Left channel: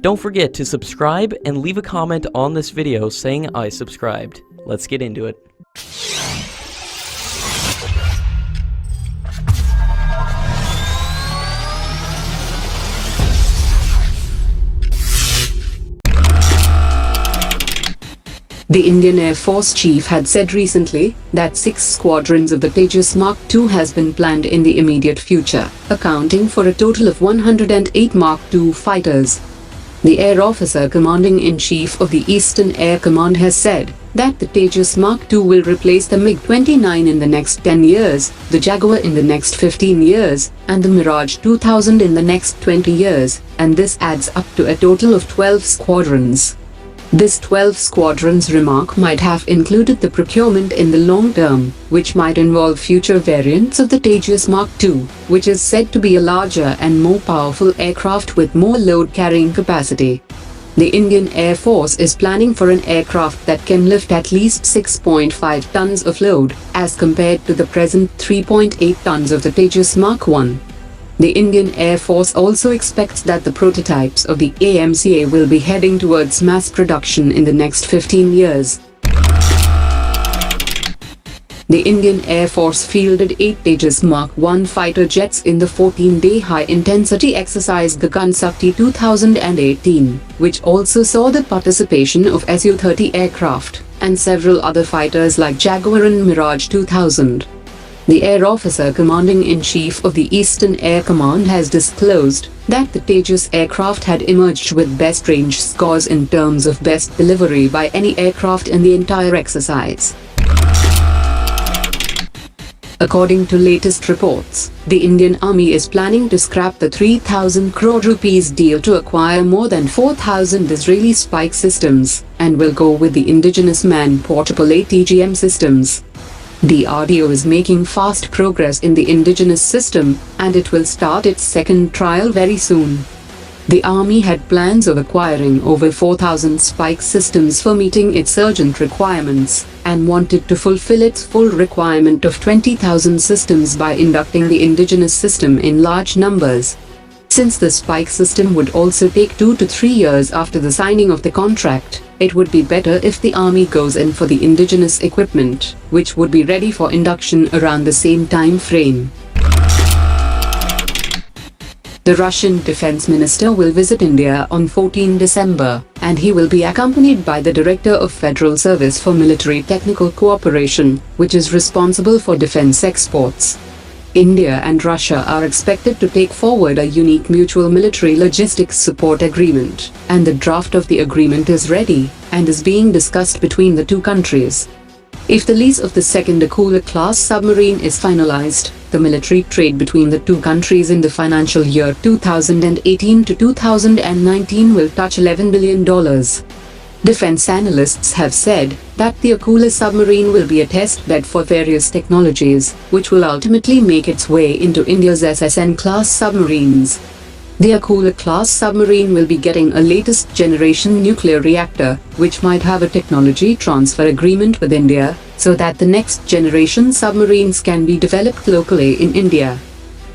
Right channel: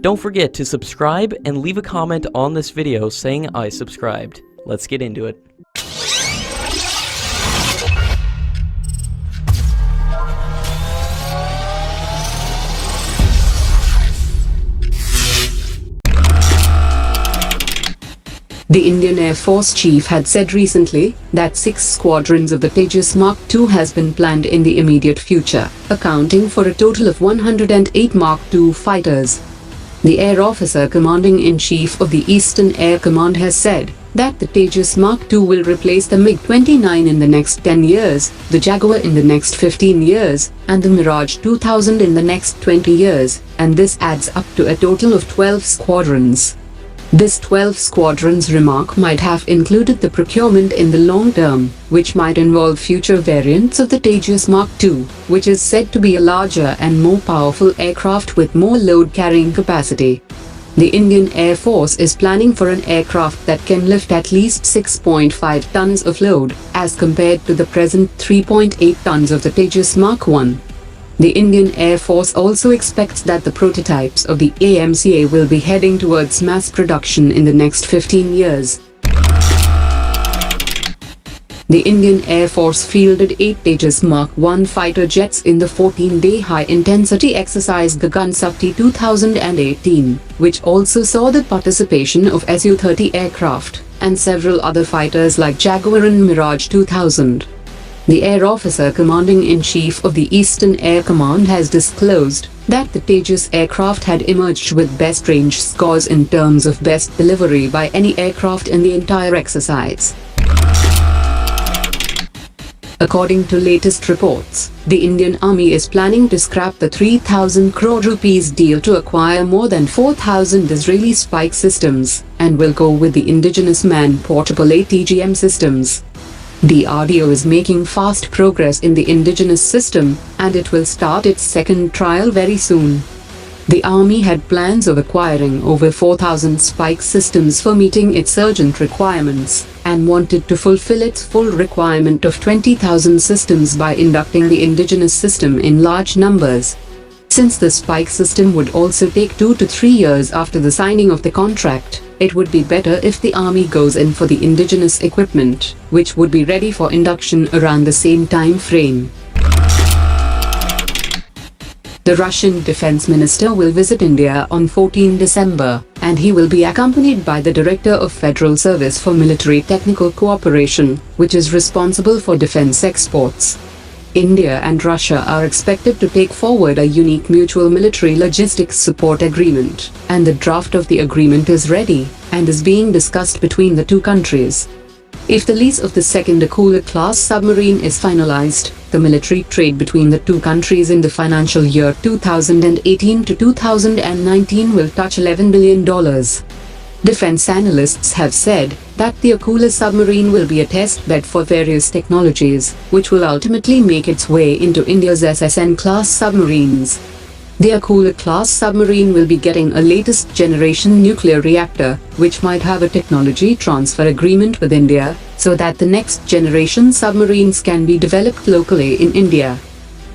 Don't forget to subscribe and leave a comment on this video saying I subscribed. Let's get into it. The Indian Air Force Chief had said recently that 6 squadrons of the Tejas Mark II has been planned in the immediate future, accounting for a total of 108 Mark II fighters. The Air Officer Commanding-in-Chief of the Eastern Air Command has said that the Tejas Mark II will replace the Mig-29 in the next 10 years, the Jaguar in the next 15 years, and the Mirage 2000 in the next 20 years, and this adds up to a total of 12 squadrons. This 12 squadrons remark might have included the procurement in the long term, which might involve future variants of the Tejas Mark II, which is said to be a larger and more powerful aircraft with more load-carrying capacity. The Indian Air Force is planning for an aircraft that can lift at least 6.5 tons of load, as compared to the present 3.8 tons of the Tejas Mark I. The Indian Air Force also expects that the prototypes of the AMCA will be heading towards mass production in the next 15 years. The Indian Air Force fielded 8 Tejas Mark I fighter jets in the 14-day high-intensity exercise Gagan Shakti 2018, which also saw the participation of Su-30 aircraft and several other fighters like Jaguar and Mirage 2000. The Air Officer Commanding-in-Chief of the Eastern Air Command has disclosed that the Tejas aircraft had emerged with best range scores in terms of best delivery by any aircraft in the entire exercise. According to latest reports, the Indian Army is planning to scrap the 3,000 crore rupees deal to acquire more than 4,000 Israeli spike systems, and will go with the Indigenous man-portable ATGM systems. DRDO is making fast progress in the Indigenous system, and it will start its second trial very soon. The Army had plans of acquiring over 4,000 spike systems for meeting its urgent requirements, and wanted to fulfill its full requirement of 20,000 systems by inducting the Indigenous system in large numbers. Since the spike system would also take 2 to 3 years after the signing of the contract, it would be better if the Army goes in for the Indigenous equipment, which would be ready for induction around the same time frame. The Russian Defense Minister will visit India on 14 December, and he will be accompanied by the Director of Federal Service for Military Technical Cooperation, which is responsible for defense exports. India and Russia are expected to take forward a unique mutual military logistics support agreement, and the draft of the agreement is ready and is being discussed between the two countries. If the lease of the second Akula-Class Submarine is finalized, the military trade between the two countries in the financial year 2018 to 2019 will touch $11 billion. Defense analysts have said that the Akula submarine will be a test bed for various technologies, which will ultimately make its way into India's SSN-class submarines. The Akula-class submarine will be getting a latest generation nuclear reactor, which might have a technology transfer agreement with India, so that the next generation submarines can be developed locally in India.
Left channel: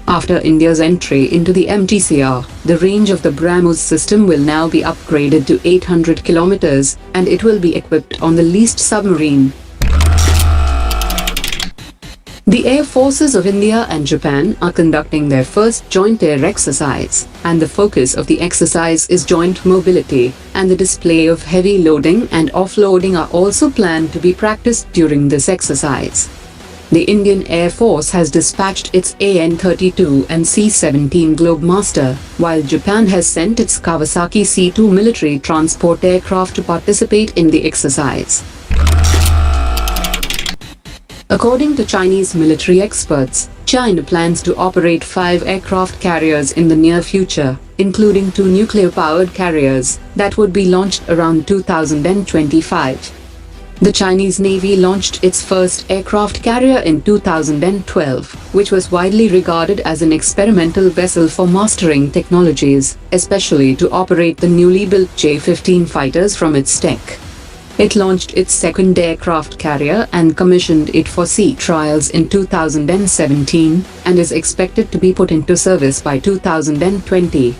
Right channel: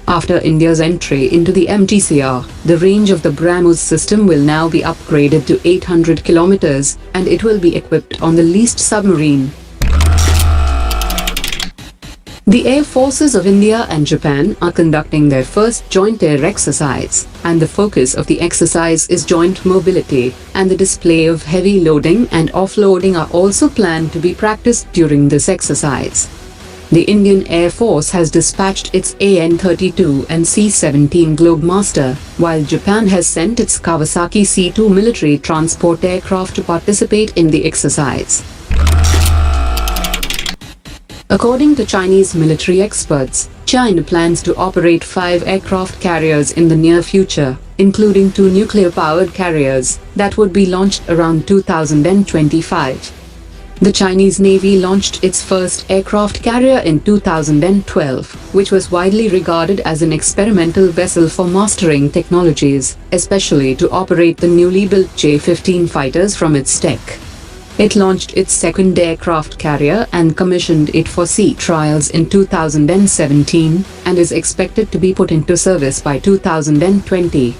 After India's entry into the MTCR, the range of the BrahMos system will now be upgraded to 800 kilometers, and it will be equipped on the leased submarine. The Air Forces of India and Japan are conducting their first joint air exercise, and the focus of the exercise is joint mobility, and the display of heavy loading and offloading are also planned to be practiced during this exercise. The Indian Air Force has dispatched its AN-32 and C-17 Globemaster, while Japan has sent its Kawasaki C-2 military transport aircraft to participate in the exercise. According to Chinese military experts, China plans to operate 5 aircraft carriers in the near future, including 2 nuclear-powered carriers that would be launched around 2025. The Chinese Navy launched its first aircraft carrier in 2012, which was widely regarded as an experimental vessel for mastering technologies, especially to operate the newly built J-15 fighters from its deck. It launched its second aircraft carrier and commissioned it for sea trials in 2017, and is expected to be put into service by 2020.